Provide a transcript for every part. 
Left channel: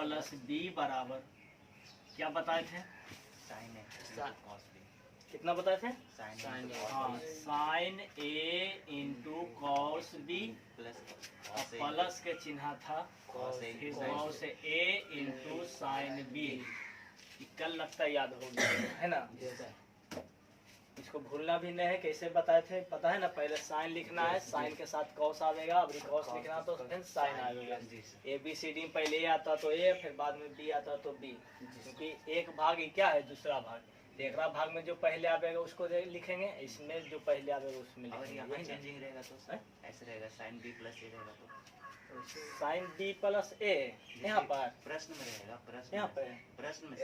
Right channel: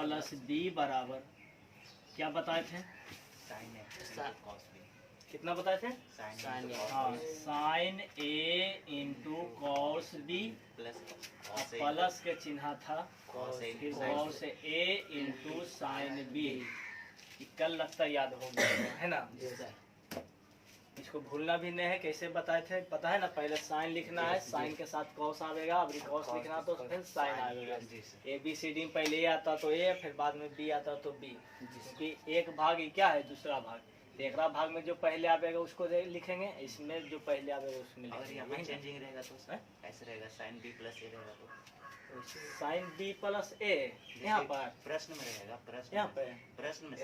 Plus B बराबर क्या बताए थे? साइन ए कॉस बी। कितना बताए थे? साइन हाँ, साइन ए इंटू कॉस बी प्लस के चिन्ह था फिर cos A into sine B. कल लगता याद हो गया है ना? इसको भूलना भी नहीं है। कैसे बताए थे पता है ना? पहले साइन लिखना है, साइन के साथ कॉस आवेगा, अब कॉस लिखना तो फिर साइन आवेगा। ए बी सी डी पहले ए आता तो ए, फिर बाद में बी आता तो बी, क्योंकि एक भाग क्या है दूसरा भाग, एक भाग में जो पहले आवेगा उसको लिखेंगे, इसमें जो पहले आवेगा उसमें लिखेंगे। चेंजिंग रहेगा तो ऐसे रहेगा, साइन बी प्लस ए रहेगा तो साइन बी प्लस ए यहाँ पर प्रश्न में रहेगा, प्रश्न यहाँ पर प्रश्न में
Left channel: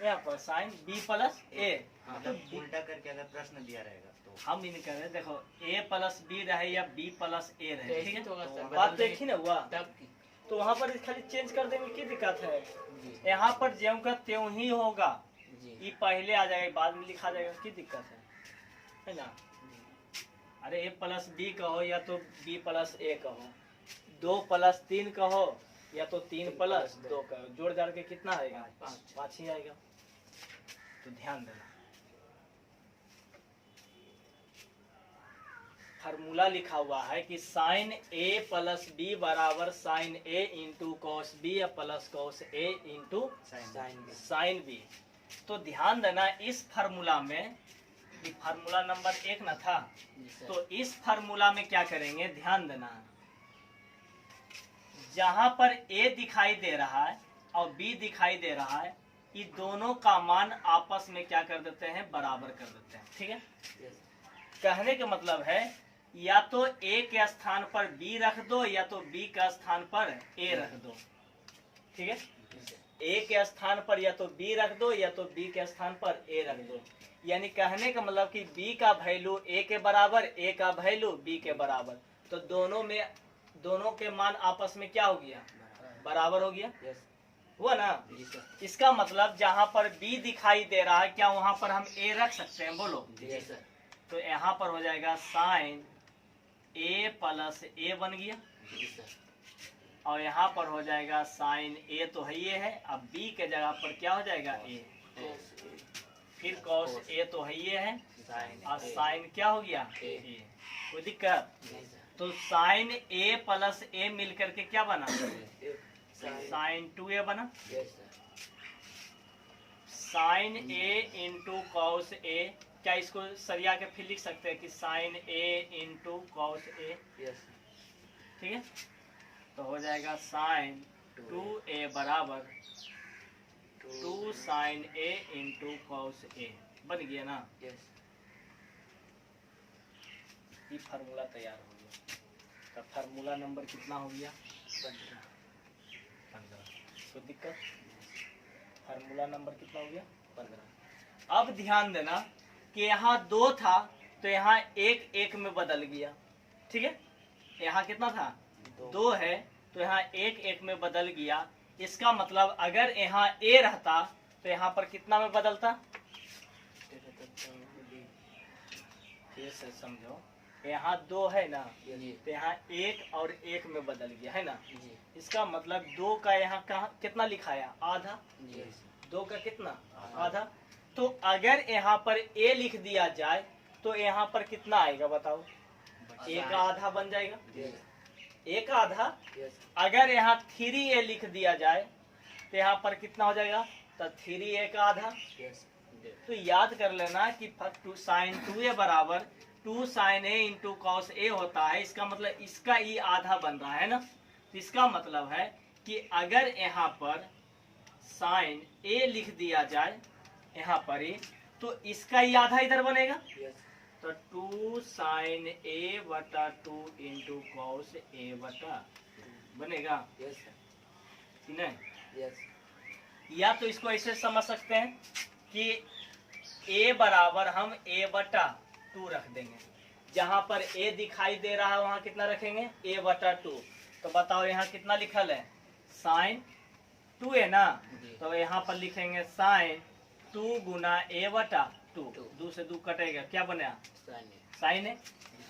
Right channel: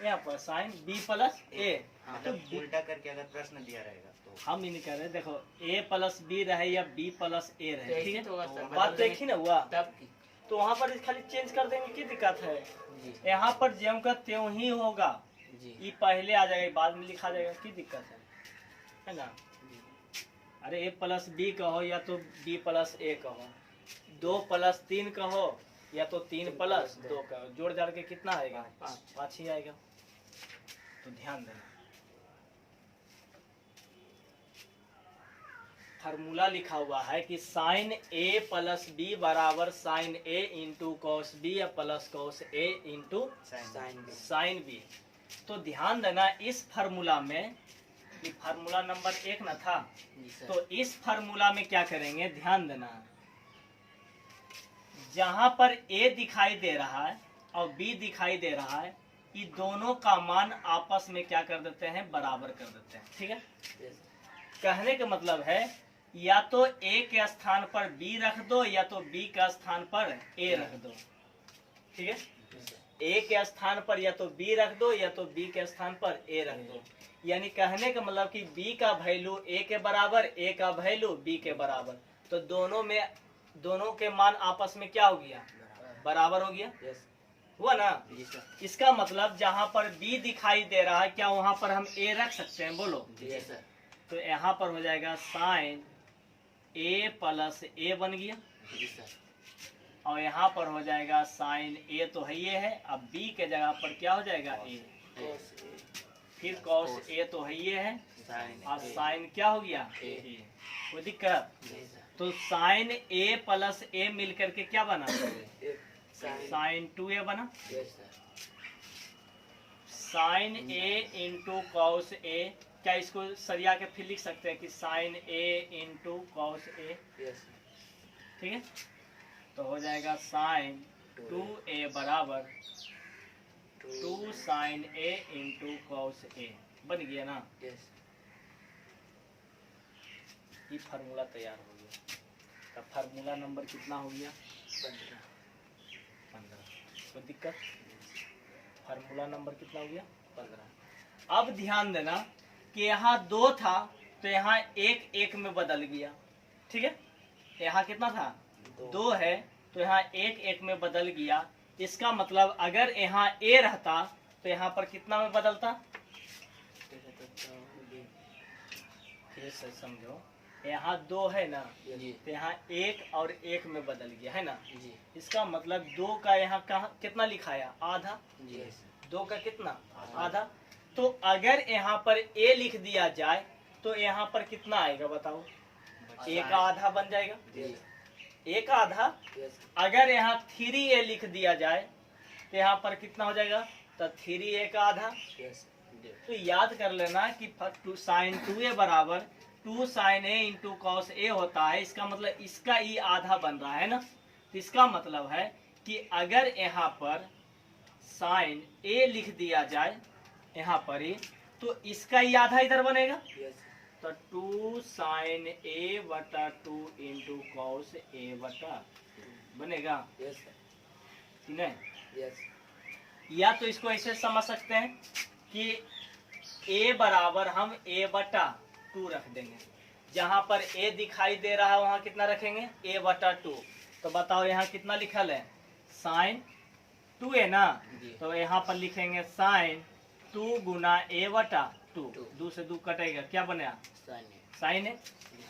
यहाँ पर साइन बी प्लस ए, तो उल्टा करके अगर प्रश्न दिया रहेगा तो हम ही नहीं कह रहे। देखो ए प्लस बी रहे या बी प्लस ए रहे, ठीक है, बात तो एक ही ना हुआ। तो वहाँ पर खाली चेंज कर देंगे, क्या दिक्कत है? यहाँ पर ज्यों का त्यों ही होगा, ये पहले आ जाएगा बाद में लिखा जाएगा, की दिक्कत है ना? अरे ए प्लस बी कहो या तो बी प्लस ए कहो, 2 प्लस 3 कहो या तो 3 प्लस 2 कहो, जोड़ जाड़ के कितना आएगा? 5 ही आएगा। तो ध्यान देना, फार्मूला लिखा हुआ है कि साइन ए प्लस बी बराबर साइन ए इंटू कॉस बी या plus cos A into sine B. तो ध्यान देना, इस फार्मूला में, फार्मूला नंबर 1 ना था, तो इस फार्मूला में क्या करेंगे? ध्यान देना, जहां पर ए दिखाई दे रहा है और बी दिखाई दे रहा है, ये दोनों का मान आपस में क्या कर देते हैं? बराबर कर देते हैं, ठीक है? कहने का मतलब है या तो ए के स्थान पर बी रख दो या तो बी के स्थान पर ए रख दो, ठीक है? ए के स्थान पर या तो बी रख दो या तो बी के स्थान पर ए रख दो। यानी कहने का मतलब कि बी का वैल्यू ए के बराबर, ए का वैल्यू बी के बराबर, तो दोनों के मान आपस में क्या हो गया? बराबर हो गया, हुआ ना? इसका मतलब जहाँ पर बी दिखाई दे रहा है, क्या वहाँ पर हम ए रख सकते हैं? बोलो। तो यहाँ पर हो जाएगा साइन ए प्लस ए बन गया, और यहाँ पर हो जाएगा साइन ए तो है ये है, अब बी के जगह पर क्या हो जाएगा? ए, फिर कॉस ए तो है ये है, और साइन क्या हो गया? ए। कोई दिक्कत? तो साइन ए प्लस ए मिलकर के क्या बना? साइन 2a बना। Sign A into cos A, क्या इसको सरिया के फिर लिख सकते हैं कि sign A into cos A, ठीक है? तो हो जाएगा साइन 2a बराबर 2 sign A into cos A, बन गया ना? ये फार्मूला तैयार हो गया। तो फार्मूला नंबर कितना हो गया? 15। तो दिक्कत, फार्मूला नंबर कितना हो गया? 15। अब ध्यान देना कि यहाँ 2 था तो यहाँ 1 1 में बदल गया, ठीक है? यहाँ कितना था? 2 है तो यहाँ 1 1 में बदल गया। इसका मतलब अगर यहाँ ए रहता तो यहाँ पर कितना में बदलता? फिर से समझो, यहाँ 2 है ना, तो यहाँ 1 और 1 में बदल गया है ना? इसका मतलब 2 का यहाँ कहाँ कितना लिखाया? आधा। 2 का कितना? आधा। तो अगर यहाँ पर ए लिख दिया जाए तो यहाँ पर कितना आएगा बताओ? ए का आधा बन जाएगा, ए का आधा। अगर यहाँ 3a लिख दिया जाए तो यहाँ पर कितना हो जाएगा? तो 3a का आधा। तो याद कर लेना कि साइन 2a बराबर 2 sign A into cos A होता है। इसका मतलब इसका ये आधा बन रहा है ना? तो इसका मतलब है कि अगर यहाँ पर साइन ए लिख दिया जाए यहाँ पर ही, तो इसका ही आधा इधर बनेगा। तो 2 साइन ए बटा 2 इंटू कॉस ए बटा बनेगा, नहीं? या तो इसको ऐसे समझ सकते हैं कि ए बराबर हम ए बटा 2 रख देंगे। जहां पर ए दिखाई दे रहा है वहां कितना रखेंगे? ए बटा 2। तो बताओ यहाँ कितना लिखल है? साइन 2a ना, तो यहाँ पर लिखेंगे साइन 2 गुना ए बटा 2। 2 से 2 कटेगा, क्या बनेगा? साइन ए।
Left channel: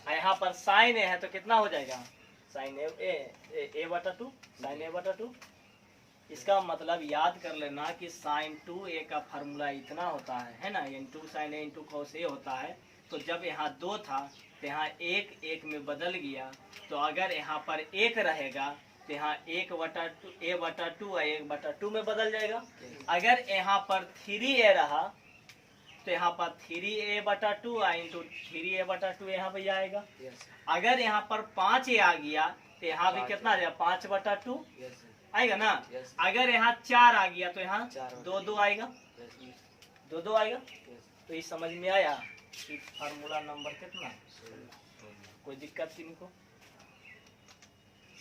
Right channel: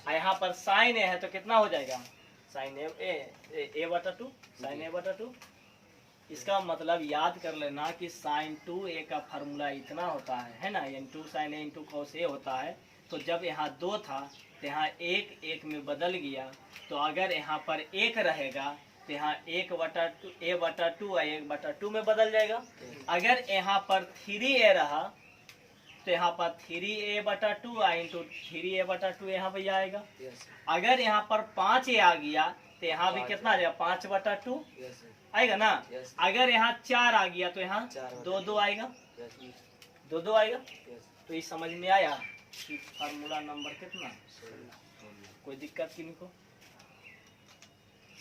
यहाँ पर साइन ए है तो कितना हो जाएगा? साइन ए बटा 2, साइन ए बटा 2। इसका मतलब याद कर लेना कि साइन 2a का फार्मूला इतना होता है ना, n2 sin a into cos a होता है। तो जब यहाँ 2 था तो यहाँ 1 1 में बदल गया, तो अगर यहाँ पर 1 रहेगा तो यहाँ 1/2 a/2 1/2 में बदल जाएगा। अगर यहाँ पर 3a रहा तो यहाँ पर 3a/2 इंटू 3a/2 यहाँ पर आएगा। अगर यहाँ पर 5a आ गया तो यहाँ भी कितना आ जाएगा, 5/2 आएगा ना। अगर यहाँ 4 आ गया तो यहाँ 2 आएगा, 2 आएगा। तो ये समझ में आया कि फार्मूला नंबर कितना, कोई दिक्कत किसी को,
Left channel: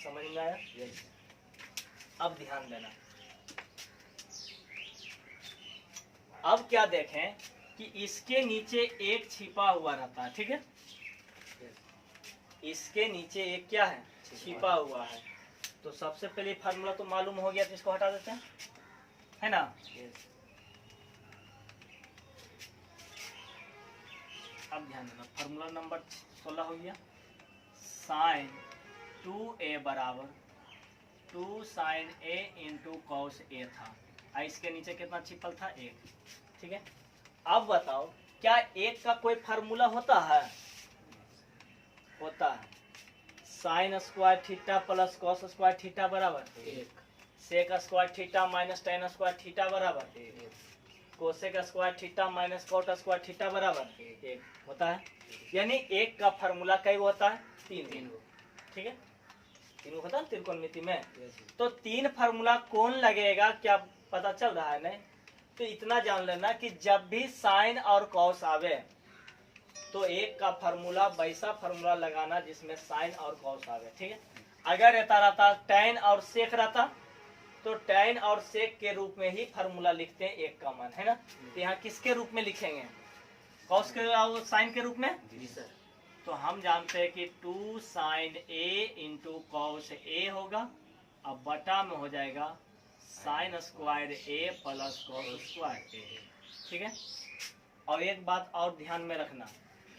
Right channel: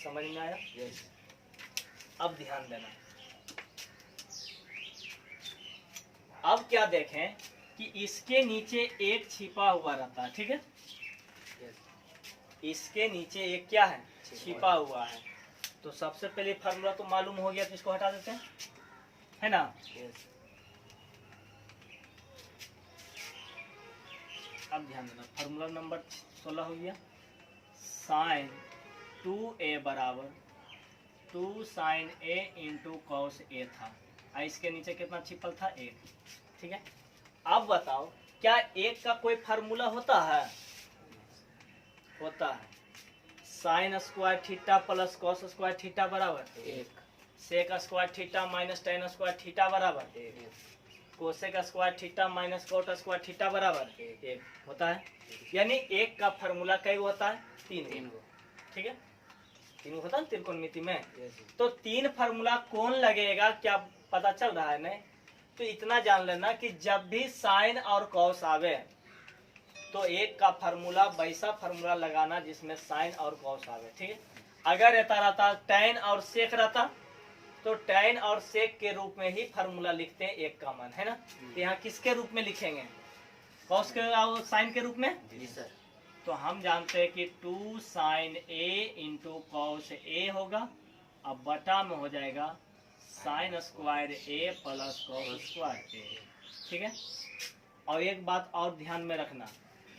समझ में आया। अब ध्यान देना, अब क्या देखें कि इसके नीचे एक छिपा हुआ रहता है, ठीक है। इसके नीचे एक क्या है, छिपा हुआ है। तो सबसे पहले फार्मूला तो मालूम हो गया, तो इसको हटा देते हैं, है ना। अब ध्यान देना, फार्मूला नंबर 16 हो गया, साइन 2a बराबर 2 sin a into cos a था। इसके नीचे कितना छिपल था, 1, ठीक है। अब बताओ क्या 1 का कोई फार्मूला होता है, होता है। Sine square theta plus cos square theta बराबर 1, sec square theta minus tan square theta बराबर 1, cosec square theta minus cot square theta बराबर 1 होता है। यानी 1 का फार्मूला कई होता है, 3, ठीक है। 3 होता है त्रिकोणमिति में। तो 3 फार्मूला कौन लगेगा, क्या पता चल रहा है नहीं। तो इतना जान लेना कि जब भी साइन और कॉस आवे तो 1 का फार्मूला वैसा फार्मूला लगाना जिसमें साइन और कॉस आवे, ठीक है। अगर रहता टैन और सेक रहता तो टैन और सेक के रूप में ही फार्मूला लिखते हैं 1 का मान, है ना। तो यहाँ किसके रूप में लिखेंगे, कॉस के और साइन के रूप में। तो हम जानते हैं कि 2 sin a into cos a होगा, अब बटा में हो जाएगा sign square a plus cos square a, ठीक है। और एक बात और ध्यान में रखना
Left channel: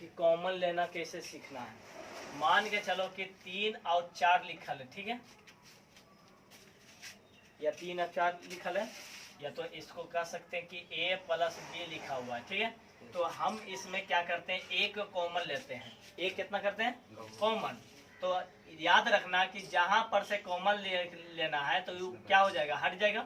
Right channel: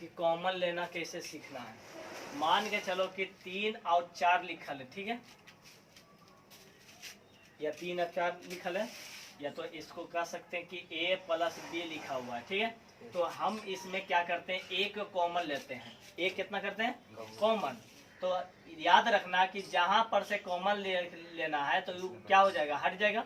कि कॉमन लेना कैसे सीखना है। मान के चलो कि 3 और 4 लिखल है, ठीक है, या 3 और 4 लिखल है, या तो इसको कह सकते हैं कि a प्लस b लिखा हुआ है, ठीक है। तो हम इसमें क्या करते हैं, एक कॉमन लेते हैं। एक कितना करते हैं, कॉमन। तो याद रखना कि जहां पर से कॉमन लेना है तो क्या हो जाएगा, हट जाएगा।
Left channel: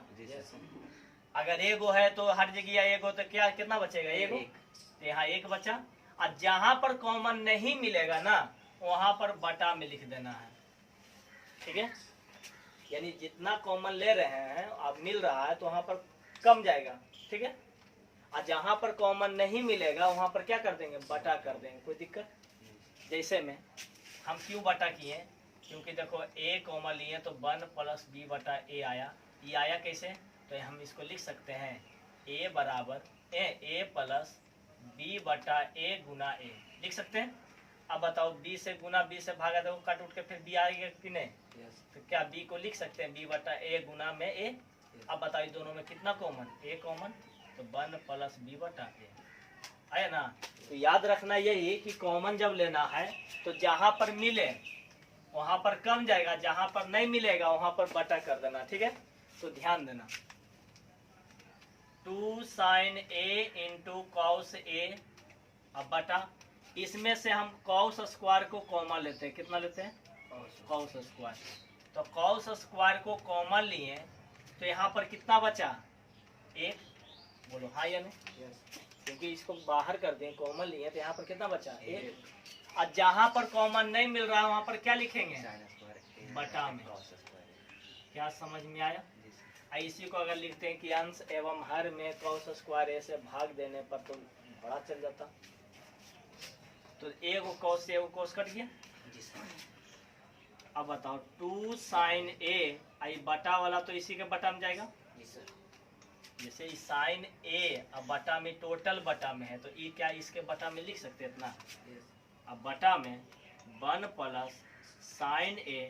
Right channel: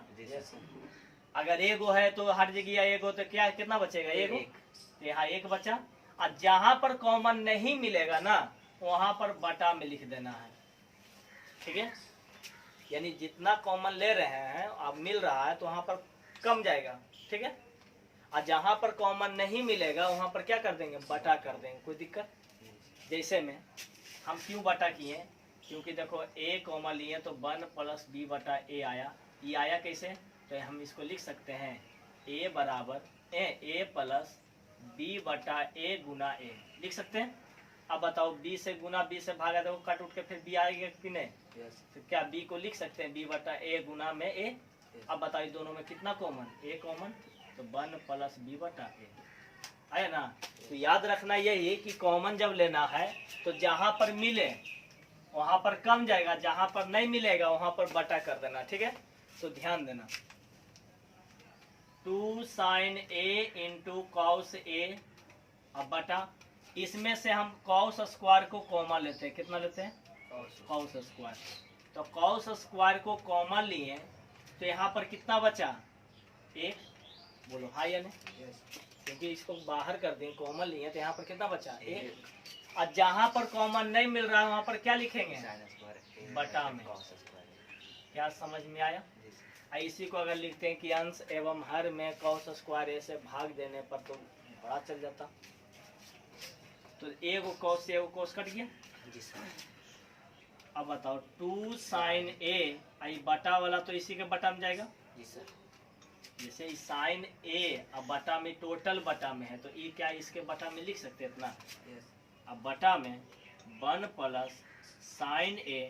अगर एगो है तो हट जाएगी, एगो तो क्या कितना बचेगा, एगो। तो यहाँ 1 बचा। और जहां पर कॉमन नहीं मिलेगा ना वहां पर बटा में लिख देना है, ठीक है। यानी जितना कॉमन ले रहे हैं अब मिल रहा है तो वहां पर कम जाएगा, ठीक है। और जहां पर कॉमन नहीं मिलेगा वहां पर क्या कर देंगे, बटा कर देंगे, कोई दिक्कत। जैसे में हम क्यों बटा किए, क्योंकि देखो a कॉमन लिए तो 1 प्लस b बटा a आया। ये आया कैसे, तो हम इसको लिख सकते हैं a बराबर a प्लस b बटा a गुना a, लिख सकते हैं। अब बताओ b से गुना b से भागा, देखो कट उठ के फिर b आएगा कि नहीं। तो क्या b को लिख सकते हैं b बटा a गुना में a। अब बताओ दोनों में कितना कॉमन, a कॉमन, तो 1 प्लस b बटा a आया ना। तो याद रखना यही कि कॉमन जब लेना है तो जहां पर मिले वहां पर कम जाएगा, जहां पर नहीं मिलेगा वहां पर बटा कर देना, ठीक है। तो ध्यान देना 2 sin a into cos a, अब बटा इसमें से हम कॉस स्क्वायर को कॉमन लेते हैं, कितना लेते हैं, कॉस स्क्वायर। तो कॉस स्क्वायर को कॉमन लिए तो यहाँ पर कितना बचा, 1, बोलो हाँ या नहीं। क्योंकि इसको बाहर कर दें, कॉमन लिए तो यहाँ पर कितना बचा, 1। और जहां पर कॉमन नहीं मिल रहा है वहां पर क्या लिखेंगे, बटा में। क्या समझ में आया। इसी को अगर लिखते हैं कि अंश एवं हर में कॉस स्क्वायर a से भाग देने पर तो बड़ा चल जाता। तो एगो कॉस से एगो कॉस कट गया। अब बताओ 2 sin a, आई बटा वाला तो इसी के बटा में जाएगा। जैसे साइन a अब बटा में, टोटल बटा में है तो ये क्या इसके बटा में लिख सकते हैं इतना। अब बटा में 1 प्लस साइन a,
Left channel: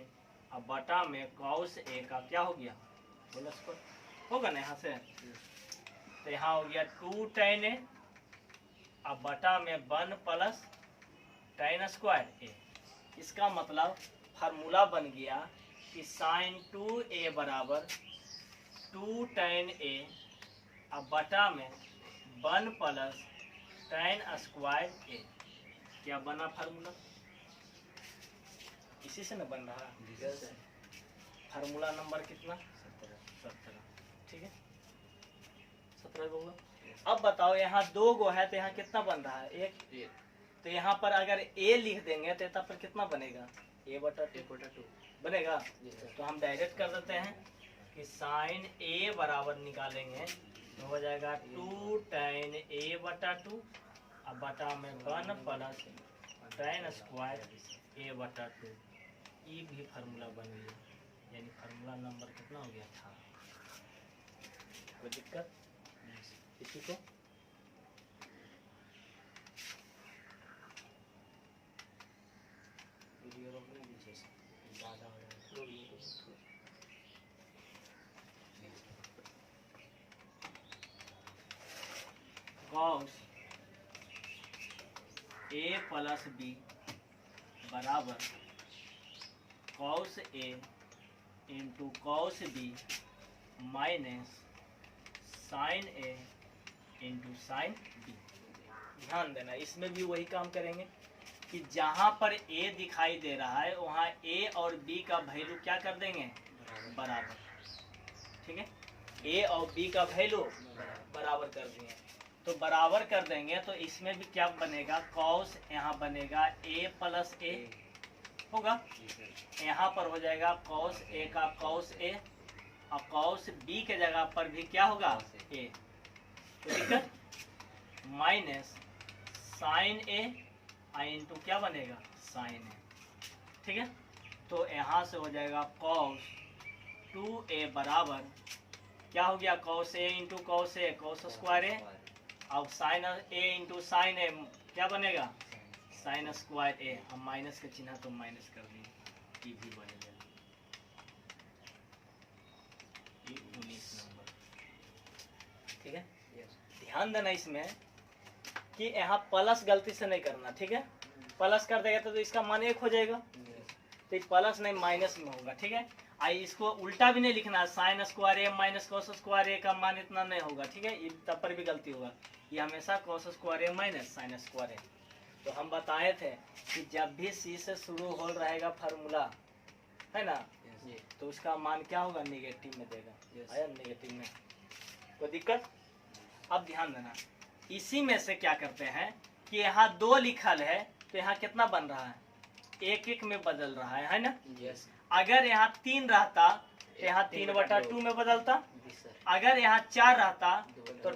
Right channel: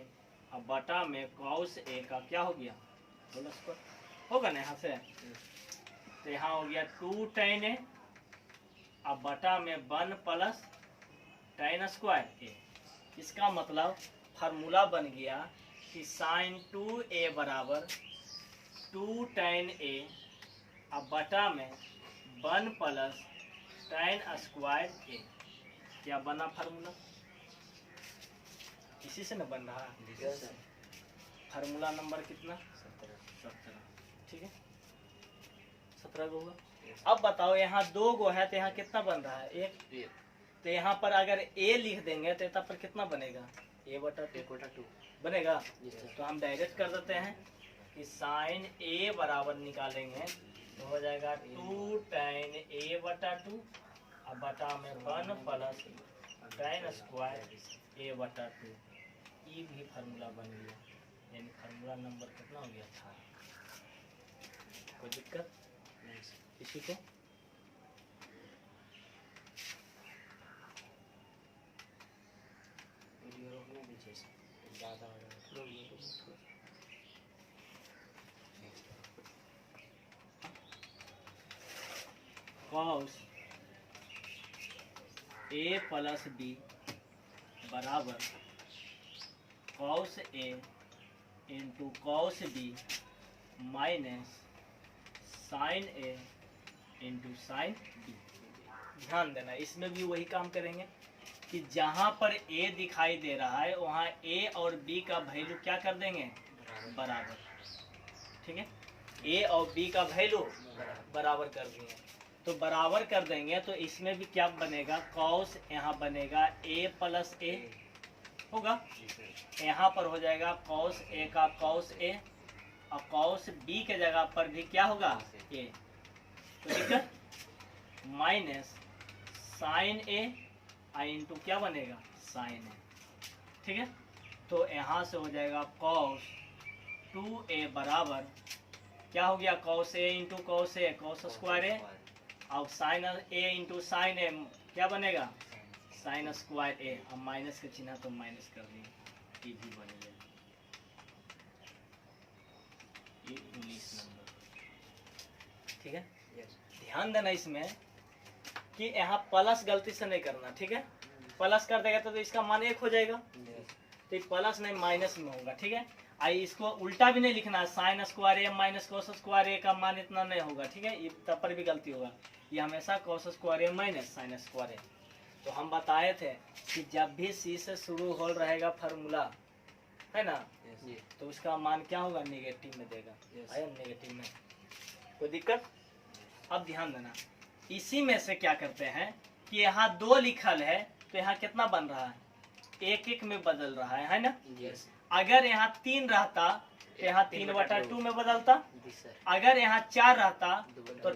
अब बटा में कॉस a का क्या हो गया, बोलो होगा ना यहाँ से। तो यहाँ हो गया 2 tan a, अब बटा में 1 प्लस tan स्क्वायर a। इसका मतलब फार्मूला बन गया कि साइन 2a बराबर 2 tan A अब बटा में 1 प्लस tan स्क्वायर A। क्या बना फार्मूला? इसी से न बन रहा है। फार्मूला नंबर कितना? 17। ठीक है, 17 गो हुआ। अब बताओ यहाँ 2 गो है तो यहाँ कितना बन रहा है? 1। तो यहाँ पर अगर a लिख देंगे तो यहाँ पर कितना बनेगा? a/2 बनेगा। तो हम डायरेक्ट कर देते हैं कि साइन a बराबर निकालेंगे तो हो जाएगा 2 tan A/2 अब बटा में 1 प्लस tan स्क्वायर A/2। ये भी फार्मूला बन गया, यानी फार्मूला नंबर कितना हो गया? 18। कोई दिक्कत इसी को? cos A प्लस B बराबर cos A into cos B minus sine A into sine B। ध्यान देना, इसमें भी वही काम करेंगे कि जहाँ पर A दिखाई दे रहा है वहाँ A और B का वैल्यू क्या कर देंगे? बराबर। ठीक है, A और B का वैल्यू बराबर कर दिए तो बराबर कर देंगे तो इसमें भी क्या बनेगा? कॉस यहाँ बनेगा A प्लस A होगा, यहाँ पर हो जाएगा कॉस A का कॉस A और कॉस B के जगह पर भी क्या होगा? A। तो दिक्कत माइनस साइन A इंटू क्या बनेगा? Sine A। ठीक है, तो यहाँ से हो जाएगा कॉस 2A बराबर क्या हो गया? Cos A into cos A cos square A अब sine A into sine A क्या बनेगा? Sine square A। अब माइनस का चिन्ह तो माइनस कर दिए, ये भी बनेगा। ये 19 नंबर। ठीक है, ध्यान देना इसमें कि यहाँ प्लस गलती से नहीं करना। ठीक है, प्लस कर देगा तो इसका मान 1 हो जाएगा, तो प्लस नहीं माइनस में होगा। ठीक है, आई इसको उल्टा भी नहीं लिखना, sign square A minus cos square A का मान इतना नहीं होगा। ठीक है, ये तब पर भी गलती होगा, ये हमेशा cos square A minus sign square A। तो हम बताए थे कि जब भी C से शुरू हो रहेगा फार्मूला है ना, तो उसका मान क्या होगा? नेगेटिव में देगा। है नेगेटिव में, कोई दिक्कत? अब ध्यान देना, इसी में से क्या करते हैं कि यहाँ 2 लिखल है तो यहाँ कितना बन रहा है? 1 में बदल रहा है ना। अगर यहाँ 3 रहता तो यहाँ 3/2 में बदलता। अगर यहाँ 4 रहता तो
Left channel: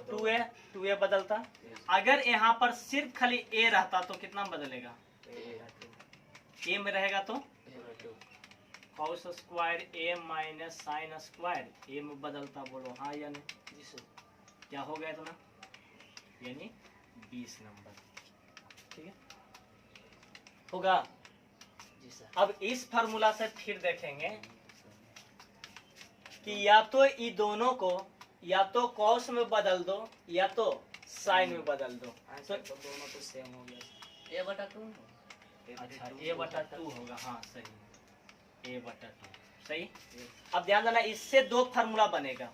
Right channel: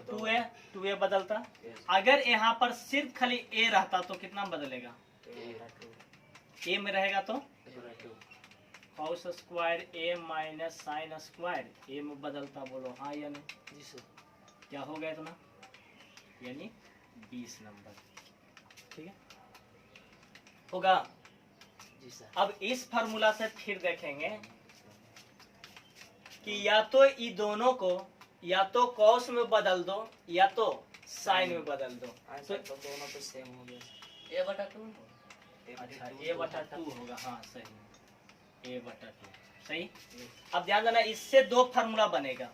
2A बदलता। अगर यहाँ पर सिर्फ खाली A रहता तो कितना बदलेगा? A में रहेगा तो cos square A minus sign square A में बदलता। बोलो हाँ या नहीं? क्या हो गया इतना? यानी 20 नंबर। ठीक है, होगा। अब इस फार्मूला से फिर देखेंगे कि या तो ये दोनों को या तो कॉस में बदल दो या तो साइन में बदल दो। तो दोनों तो सेम हो गया, A/2। अच्छा, A/2 होगा। हाँ सही, A/2 सही। अब ध्यान देना, इससे 2 फार्मूला बनेगा,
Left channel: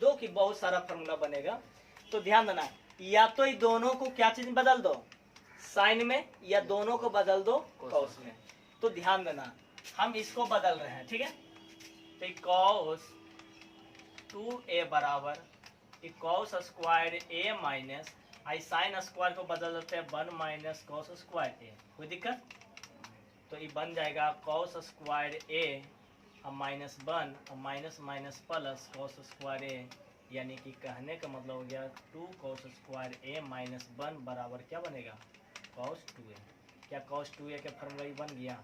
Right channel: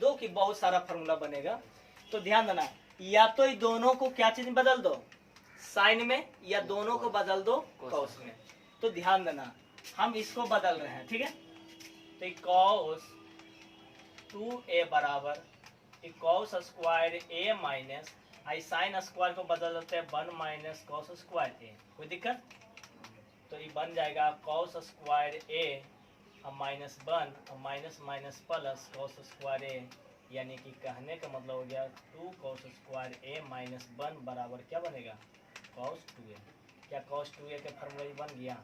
2 की बहुत सारा फार्मूला बनेगा। तो ध्यान देना, या तो ये दोनों को क्या चीज बदल दो? साइन में, या दोनों को बदल दो कॉस में। तो ध्यान देना, हम इसको बदल रहे हैं। ठीक है, तो कॉस 2A बराबर cos square A minus I sine square को बदल देते हैं 1 माइनस कॉस स्क्वायर A। कोई दिक्कत? तो ये बन जाएगा कॉस स्क्वायर A और माइनस 1 और minus minus plus cos square A, यानी कि कहने का मतलब हो गया 2 कॉस स्क्वायर A माइनस 1 बराबर क्या बनेगा? Cos 2A। क्या कॉस 2A का फॉर्मूला बन गया?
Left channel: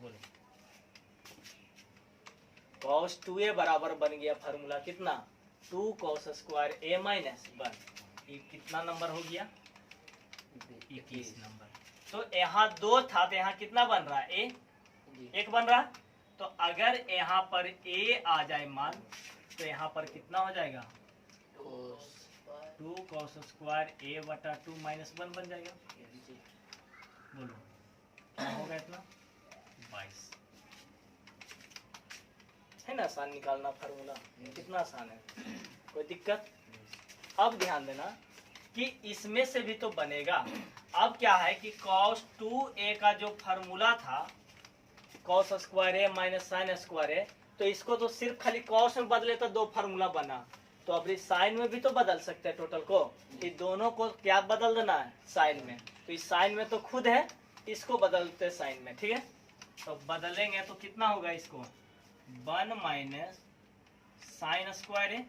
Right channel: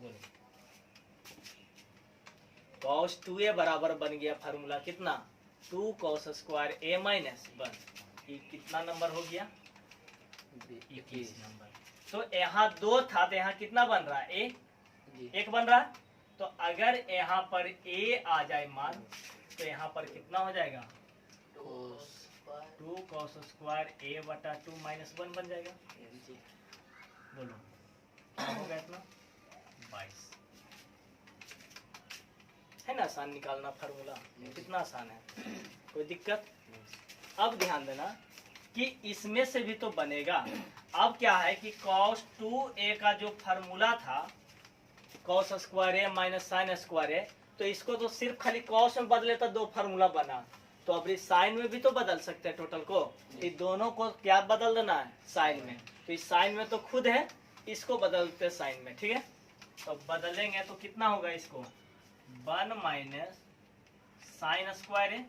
बोलो, कॉस 2A बराबर बन गया फार्मूला कितना? 2 कॉस स्क्वायर A माइनस 1। ये कितना नंबर हो गया? 21 नंबर। तो यहाँ 2 था तो यहाँ कितना बन रहा है? 1 बन रहा। तो अगर यहाँ पर A आ जाए मान तो यहाँ पर कितना हो जाएगा? 2 कॉस स्क्वायर A/2 माइनस 1 बन जाएगा। बोलो क्या होगा इतना? 22। है ना आसान निकालना फार्मूला, कितना आसान है, कोई दिक्कत। अब ध्यान देना कि इसमें से भी तो बनेगा। अब क्या है कि cos 2a का जो फार्मूला था cos स्क्वायर ए माइनस साइन स्क्वायर ए, तो इसको तो सिर्फ खाली cos में बदले तो दो फार्मूला बना, तो अब इस साइन में भी तो बदल सकते हैं टोटल को। ये दोनों को क्या बदल देना है, साइन में। तो इस साइन में तो खुद है, इसको बदलते हैं साइन में, ठीक है। तो बदलेंगे तो कितना होगा, इसको 1 माइनस साइन स्क्वायर ए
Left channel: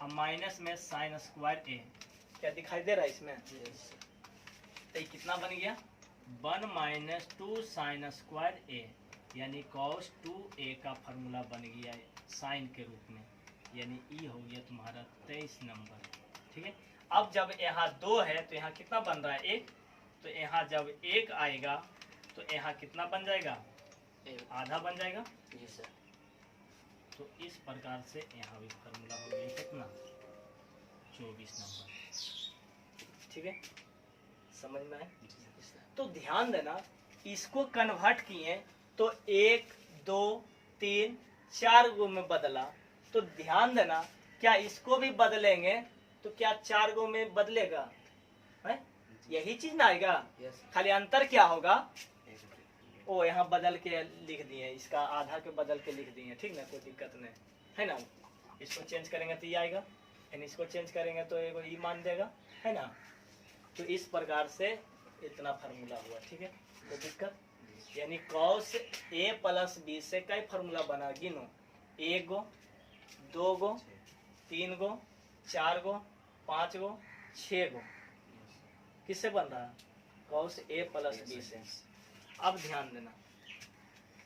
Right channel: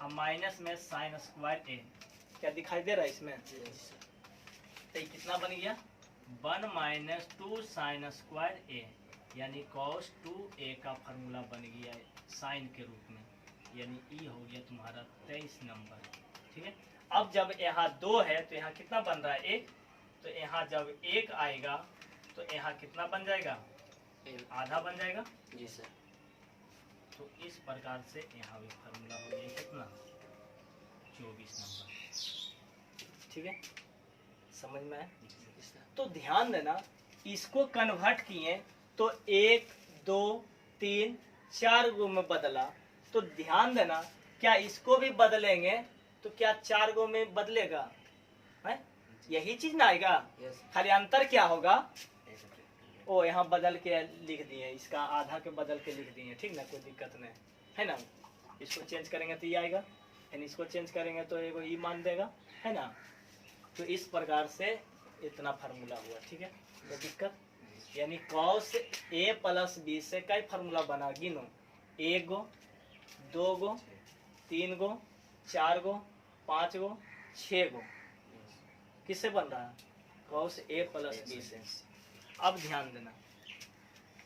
और माइनस में साइन स्क्वायर ए। क्या दिखाई दे रहा है इसमें? तो ये कितना बन गया, 1 माइनस 2 साइन स्क्वायर ए, यानी cos 2a का फार्मूला बन गया साइन के रूप में, यानी ई हो गया तुम्हारा 23 नंबर, ठीक है। अब जब यहाँ 2 है तो यहाँ कितना बन रहा है, 1, तो यहाँ जब 1 आएगा तो यहाँ कितना बन जाएगा, आधा बन जाएगा। जी सर। तो इस प्रकार से यहाँ भी फार्मूला हो गया कितना, 24 नंबर, ठीक है, समझ में है। तो ध्यान देना, इसको कन्वर्ट किए तो 1 2 3 4 गो में बदला, तो ध्यान देना क्या इसको भी बदलेंगे तो क्या 4 गो में बदलेगा, है यही चीज ना आएगा। खाली अंतर क्या होगा, ओ यहाँ बदल के लिख दिए, इसका आधा के बदल के लिख दिए, ठीक ना, कोई दिक्कत नहीं है ना। इसको चेंज करेंगे तो ये आएगा, यानी इसको चेंज करेंगे तो एगो ई मान देगा, है ना। तो इस प्रकार से इतना फार्मूला हुआ, ठीक है, कोई दिक्कत। यानी cos a प्लस b से कई फार्मूला बना, गिनो, 1 गो 2 गो 3 गो 4 गो 5 गो 6 गो, किससे बन रहा है, cos a प्लस b से। अब ध्यान देना,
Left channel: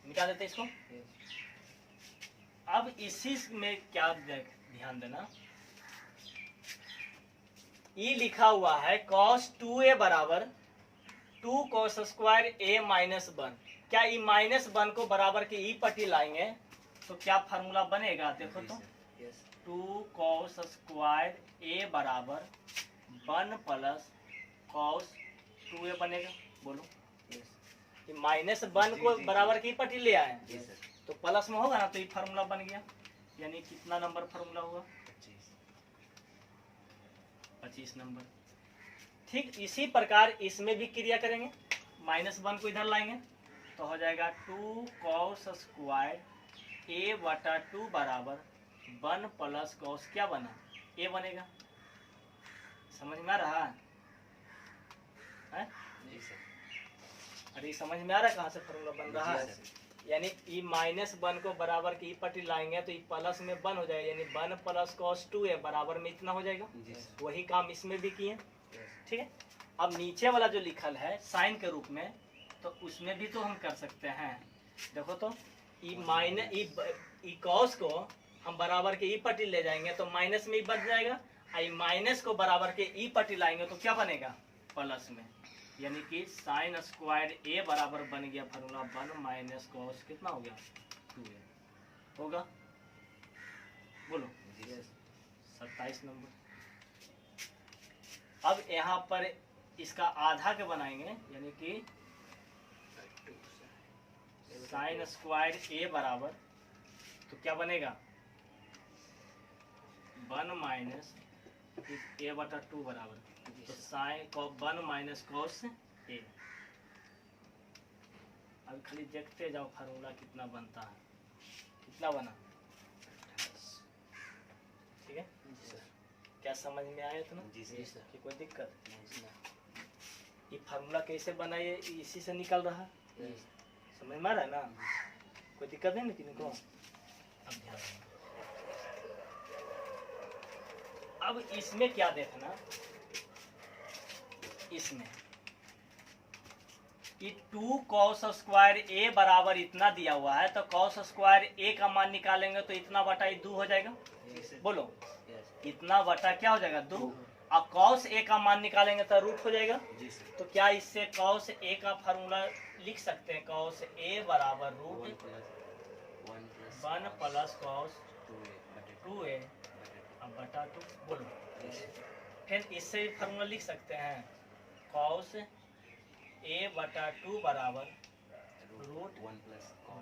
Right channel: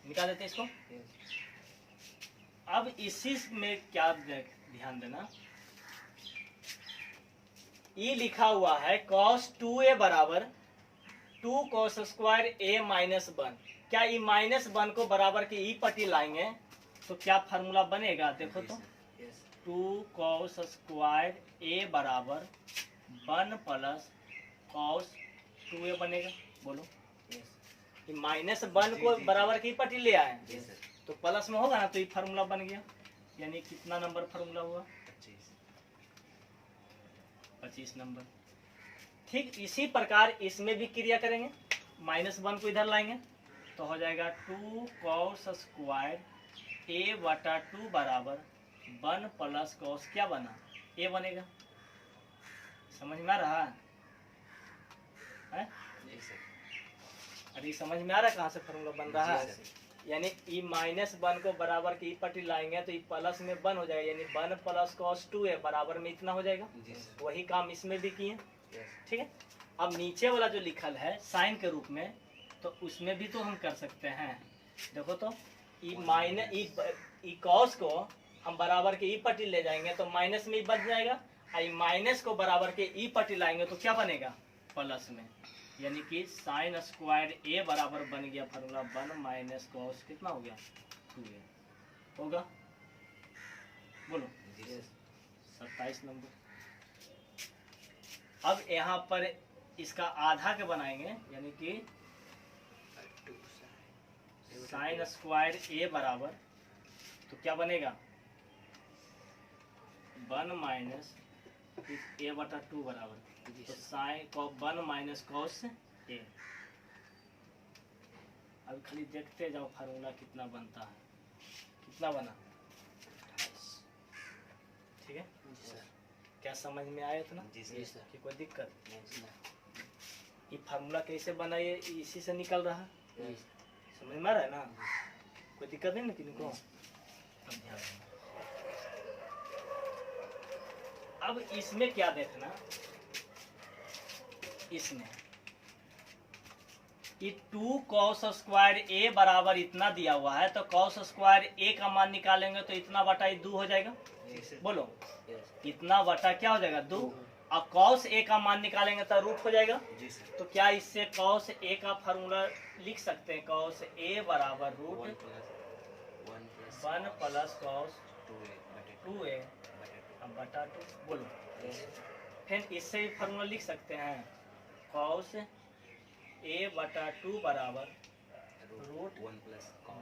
निकाल देते हैं इसको। अब इसी में क्या ध्यान देना, ये लिखा हुआ है cos 2a बराबर 2 cos स्क्वायर a माइनस 1। क्या ये माइनस 1 को बराबर के ई पट्टी लाएंगे तो क्या फार्मूला बनेगा, देखो तो 2 cos स्क्वायर a बराबर 1 प्लस cos 2a बनेगा, बोलो। ये माइनस 1 को बराबर की पट्टी ले आए तो प्लस में होगा ना, तो ये फार्मूला बन गया, यानी कितना नंबर फार्मूला हुआ, 25 नंबर। ठीक इसी प्रकार इसमें भी क्रिया करेंगे, माइनस 1 को इधर लाएंगे तो हो जाएगा 2 cos स्क्वायर a बटा 2 बराबर 1 प्लस cos क्या बना, a बनेगा। समझ में आ रहा है? अरे समझ में आ रहा है कहाँ से फार्मूला बन रहा है। यानी ई माइनस 1 को बराबर की ई पट्टी लाएंगे तो ई प्लस में 1 हो जाएगा, यानी 1 प्लस cos 2a बराबर में इतना हो जाएगा। वही काम इसमें भी किए, ठीक है। अब नीचे वाला जो लिखल है साइन के रूप में, तो उसमें भी तो हम कर सकते हैं। देखो तो ई माइनस ई cos को हम बराबर के ई पट्टी ले जाएंगे तो माइनस में ही बच जाएगा, आई माइनस को बराबर के ई पट्टी लाएंगे तो क्या बनेगा, प्लस में। यानी कि साइन स्क्वायर a बराबर बन गया फार्मूला 1 माइनस cos कितना हो गया, 2a होगा, बोलो 27 नंबर। अब यहाँ पर इसका आधा के बनाएंगे, यानी कि साइन स्क्वायर a बराबर तो क्या बनेगा 1 माइनस a बटा 2 बराबर, तो साइन 1 माइनस cos a। अब खाली देखते जाओ फार्मूला कितना बनता है, कितना बना, ठीक है। क्या समझ में आया इतना? जी सर। कि कोई दिक्कत? ये फार्मूला कैसे बना, ये इसी से निकल रहा है, समझ में आ रहा है ना, कोई दिक्कत है ना किनको। अब ध्यान देना, अब इसमें क्या देखना, इसमें ये 2 cos स्क्वायर a बराबर इतना दिया हुआ है, तो cos स्क्वायर a का मान निकालेंगे तो इतना बटा 2 हो जाएगा, बोलो इतना बटा क्या हो जाएगा 2। अब cos a का मान निकालेंगे तो रूट हो जाएगा। तो क्या इससे cos a का फार्मूला लिख सकते हैं, cos a बराबर रूट 1 प्लस cos 2a बटा 2, बोलो। फिर इससे फार्मूला लिख सकते हैं cos a बटा 2 बराबर रूट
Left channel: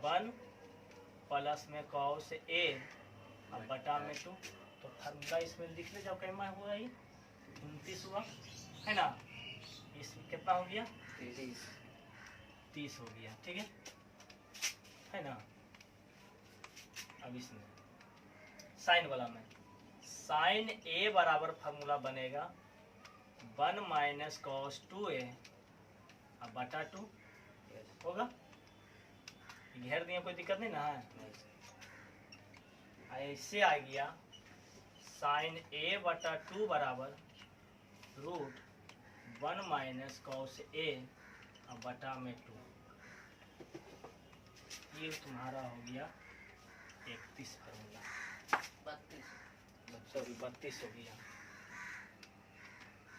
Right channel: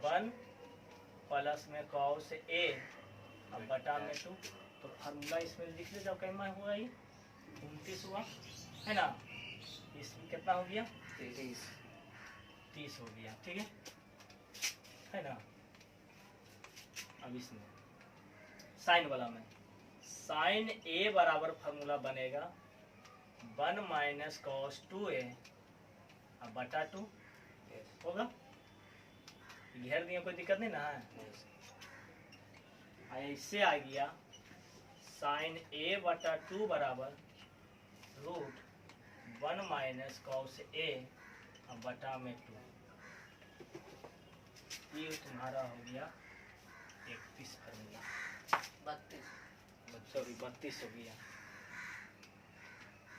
1 प्लस में कॉस ए अब बटा में 2, तो फार्मूला इसमें लिख ले जाओ, कैमा हुआ ये 29 हुआ है ना, इसमें कितना हो गया 30 हो गया, ठीक है ना। अब इसमें साइन वाला में साइन ए बराबर फार्मूला बनेगा 1 माइनस कॉस 2a अब बटा 2 होगा, घेर दिए कोई दिक्कत नहीं ना है। ऐसे आ गया साइन ए बटा 2 बराबर रूट 1 माइनस कॉस ए अब बटा में 2, ये तुम्हारा हो गया 31 फार्मूला, 32 हो गया।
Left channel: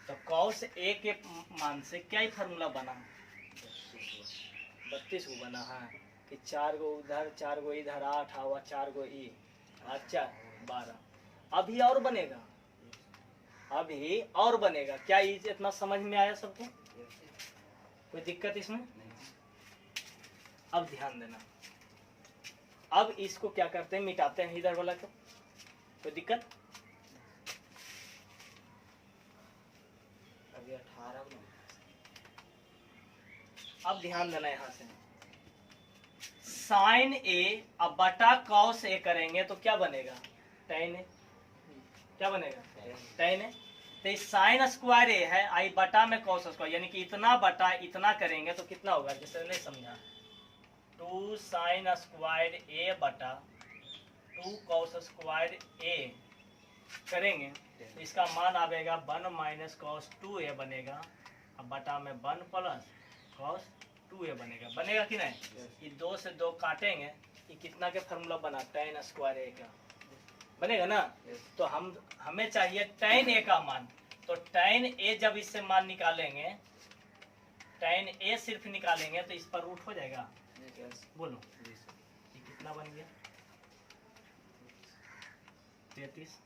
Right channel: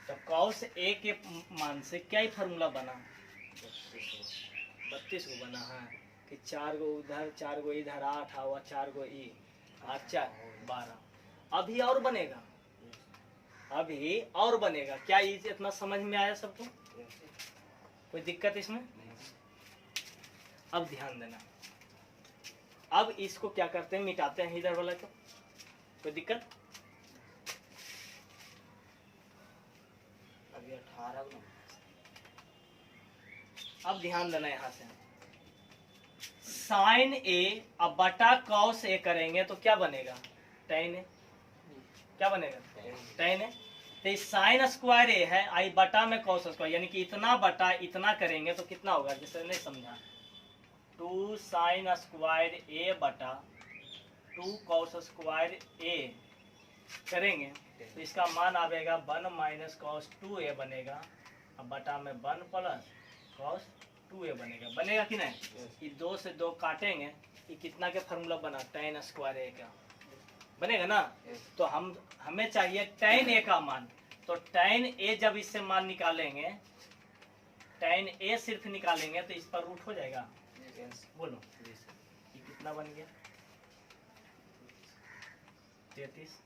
तो कॉस ए के मान से क्या ही फार्मूला बना, 32 को बना है कि 4 गो उधर 4 गो इधर 8 हुआ, 4 गो ई 8 4 12। अभी और बनेगा, अभी और बनेगा। क्या ये इतना समझ में आया सबको, कोई दिक्कत इसमें? अब ध्यान देना, अब इसको क्या करते हैं, मिटाते हैं इधर वाला को, कोई दिक्कत? अभी 18 अब ध्यान देना, यहाँ से साइन ए अब बटा कॉस ए करेंगे तो क्या बनेगा, टेन ए। क्या बनेगा, टेन ए। तो इस साइन स्क्वायर ए है, आई बटा में कॉस स्क्वायर, यानी कि इतना बटा इतना करेंगे तो कितना होगा, जैसे नहीं समझा, 2 साइन स्क्वायर ए बटा 2 कॉस स्क्वायर ए करेंगे तो इसका मान आएगा 1 माइनस कॉस 2a बनेगा, अब बटा में 1 प्लस कॉस 2a बनेगा। बनेगा कि नहीं? ये 2 से 2 काटेंगे, ये कितना के फार्मूला बना, tan स्क्वायर ए का बनेगा ना। तो हमें चाहिए tan ए का मान, तो tan ए जब इससे मान निकालेंगे, tan ए सिर्फ निकालेंगे तो इस पर रूट हो जाएगा। बोलो ये कितना बन गया, 33।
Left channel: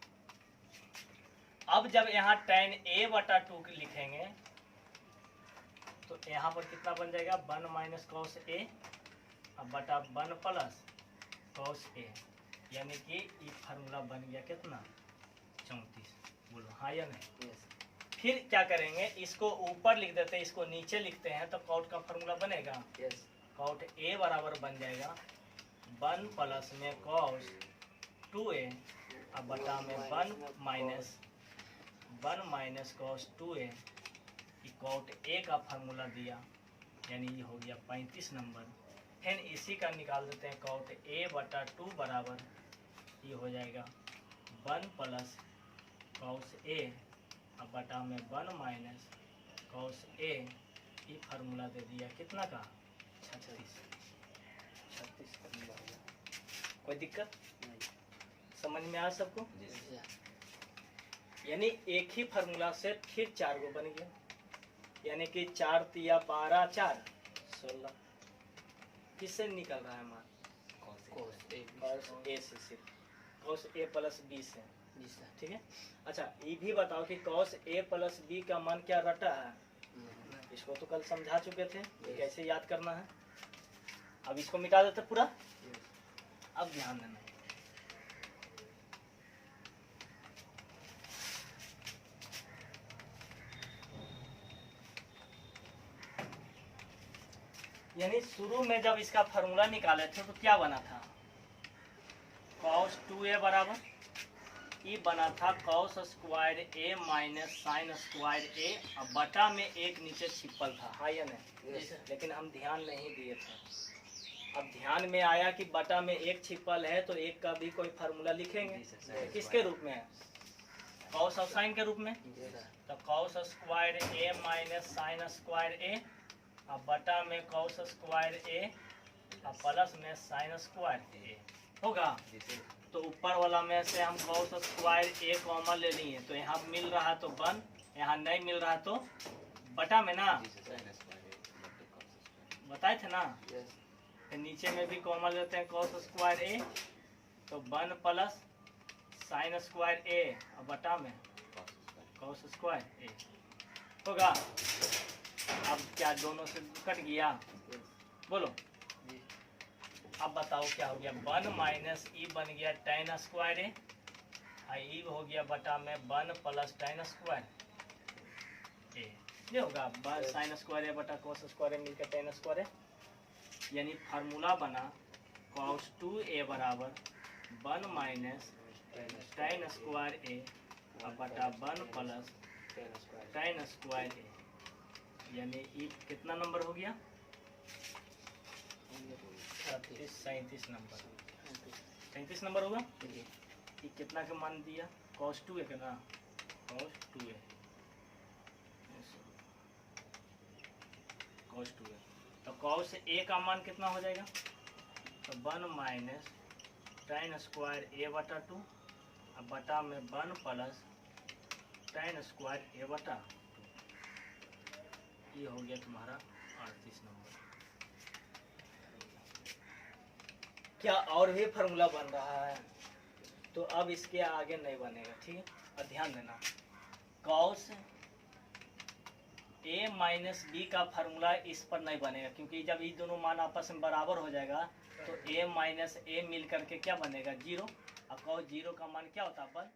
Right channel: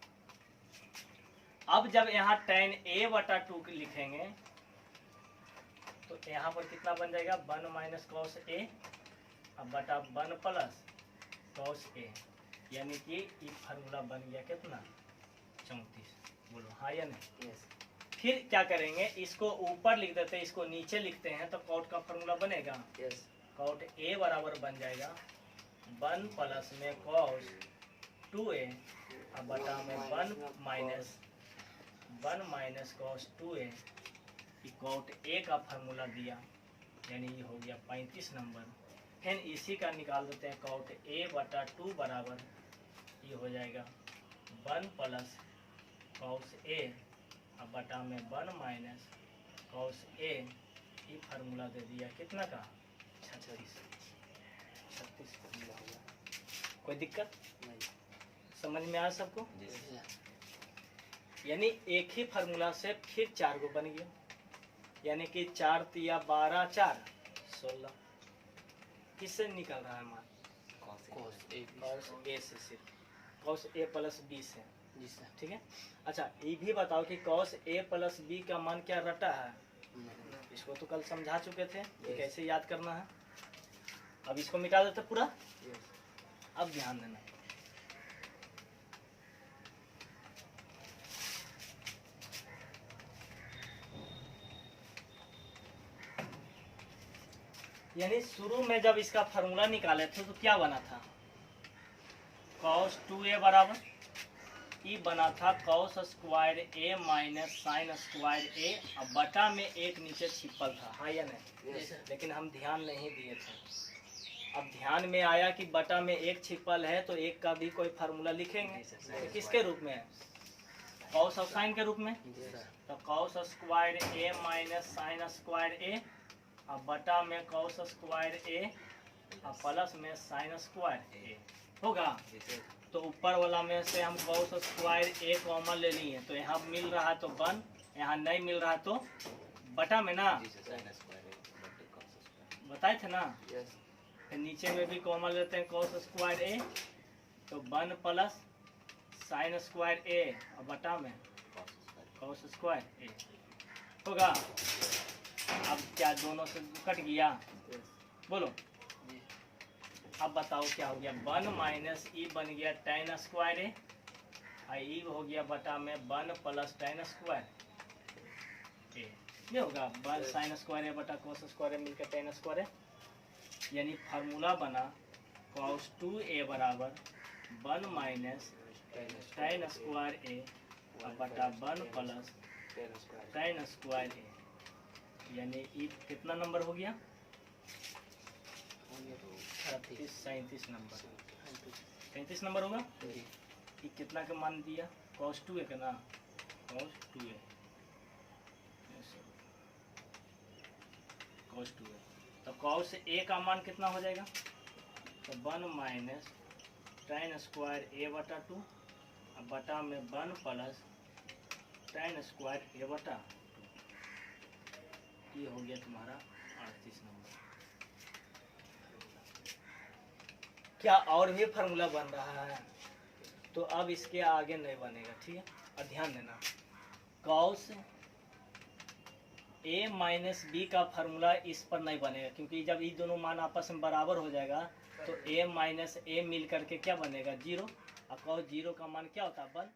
अब जब यहाँ tan a बटा 2 लिखेंगे तो यहाँ पर कितना बन जाएगा, 1 माइनस कॉस ए अब बटा 1 प्लस कॉस ए, यानी कि ये फार्मूला बन गया कितना, 34। बोलो हाँ या नहीं? फिर क्या करेंगे, इसको ऊपर लिख देते हैं, इसको नीचे लिखते हैं, तो कॉट का फार्मूला बनेगा। कॉट ए बराबर बन जाएगा 1 प्लस में कॉस 2a अब बटा में 1 minus cos 2a, cot A का फार्मूला दिया, यानी ये हो गया 35 नंबर। फिर इसी का निकाल देते हैं, कॉट ए बटा 2 बराबर ये हो जाएगा 1 प्लस कॉस ए अब बटा में 1 माइनस कॉस ए, ये फार्मूला दे दिया कितना का, 36 फार्मूला हो गया। कोई दिक्कत समझ में आया सबको? यानी एक ही फार्मूला से फिर 4 गो बन गया, यानी कि 4 तिया 12 4 16। किससे निकल रहा है मान, कॉस ए से, सिर्फ कॉस ए प्लस बी से, ठीक है। अच्छा ये भी बताओ कि कॉस ए प्लस बी का मान क्या रटा है, इसको तो कल समझा चुके थे, कैसे याद करना है। अब इसको मिटा देते पूरा। अब ध्यान देना, यानी शुरू में जब इसका फार्मूला निकाले थे तो क्या बना था, cos 2a बराबर ये बना था cos square a minus sign square a, अब बटा में एक नीचे छिपल था, हाँ या नहीं? लेकिन हम ध्यान नहीं दिए थे। अब ध्यान में आया कि बटा में एक छिपल है तो एक का भी कोई फार्मूला लिखेंगे, तो किसके रूप में है, cos और साइन के रूप में। तो cos square a minus sign square a अब बटा में cos स्क्वायर a अब प्लस में साइन स्क्वायर a होगा। तो ऊपर वाला में से हम cos स्क्वायर a कॉमन ले लिए, तो यहाँ मिल रहा है तो 1, यहाँ नहीं मिल रहा है तो बटा में ना, बताए थे ना। फिर नीचे में भी कॉमन लेते हैं cos स्क्वायर a, तो 1 प्लस साइन स्क्वायर a अब बटा में cos स्क्वायर a होगा। अब क्या दोनों से कट गया, बोलो। अब बताओ क्या हो गया, 1 माइनस ई बन गया tan स्क्वायर ए, और ई हो गया बटा में 1 प्लस tan स्क्वायर ए। ये होगा साइन स्क्वायर ए बटा कोस स्क्वायर ए मिलकर tan स्क्वायर ए, यानी फार्मूला बना cos 2a बराबर 1 माइनस tan स्क्वायर ए बटा 1 प्लस tan स्क्वायर ए, यानी ई कितना नंबर हो गया, 37 नंबर, 37 नंबर होगा। ये कितना का मान दिया, cos 2a का ना, cos 2a, cos 2a, तो cos a का मान कितना हो जाएगा, तो 1 माइनस tan स्क्वायर ए बटा 2 अब बटा में 1 प्लस tan स्क्वायर ए बटा 2, ये हो गया तुम्हारा 38 नंबर। क्या और भी फार्मूला बन रहा है, तो अब इसके आगे नहीं बनेगा, ठीक है। और ध्यान देना, cos a माइनस बी का फार्मूला इस पर नहीं बनेगा, क्योंकि जब ये दोनों मान आपस में बराबर हो जाएगा तो a माइनस ए मिल करके क्या बनेगा 0, और cos 0 का मान क्या होता है 1।